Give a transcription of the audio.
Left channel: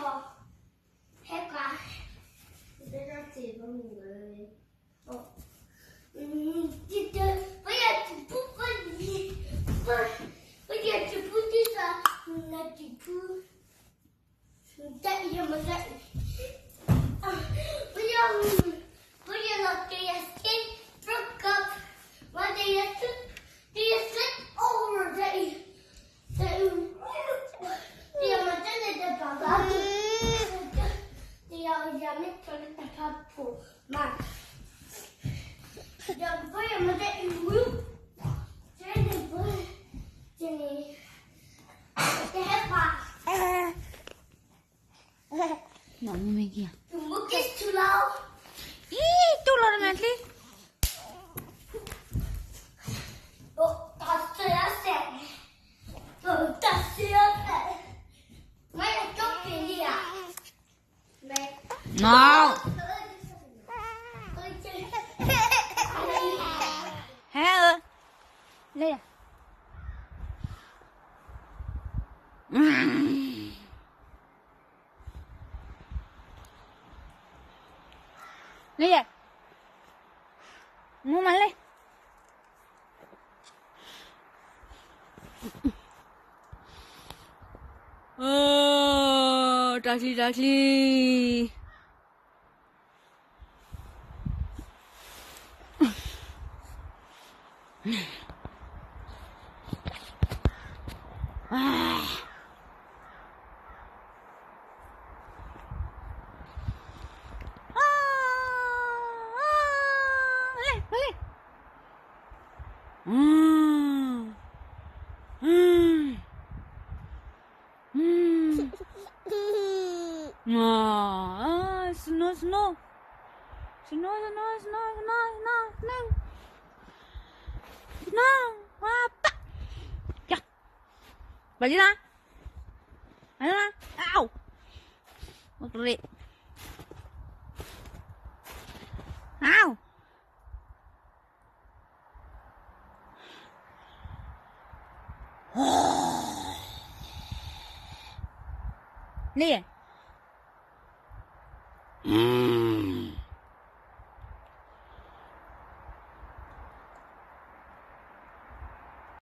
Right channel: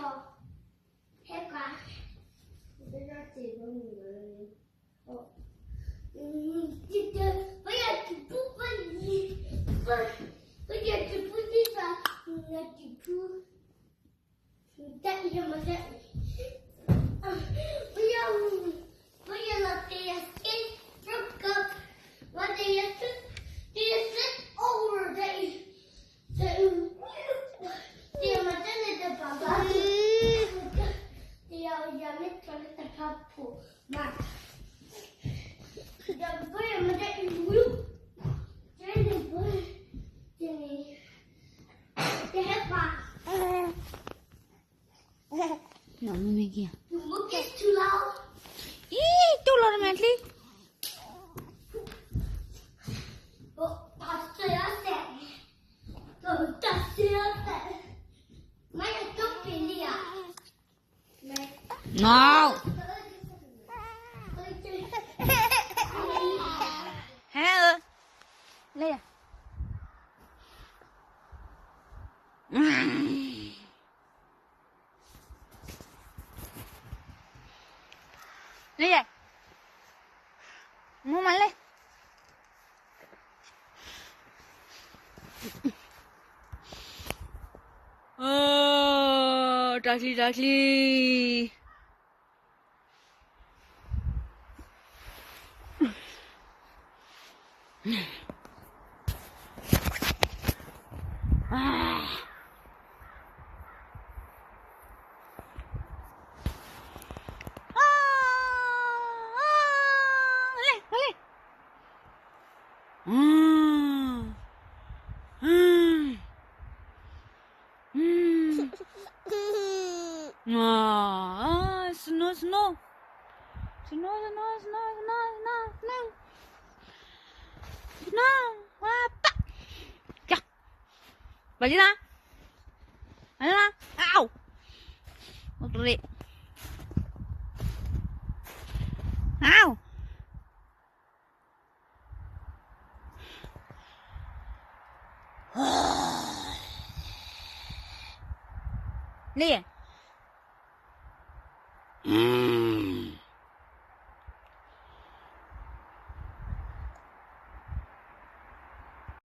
해봐. 내가 지금 진짜 뭐야 부분이 뭐야 부분이가 나 지금 진짜 이러면 뭐야 their skin broke up when they sit over they maternity baba they are yummy toilet papu man the boy mother you jadi boy jadi they have Mana ni dia? the book is too loud. Tu lah nanti. Oh, that's it. Oh, that's it. Mana topi dia? No. Hả? Đây à? Đây à? Mua mày đi. Taksi. Boleh. Snow. Apa? Ya. Balik lah. Ayo lah. Au. Motorik. Au. Ni.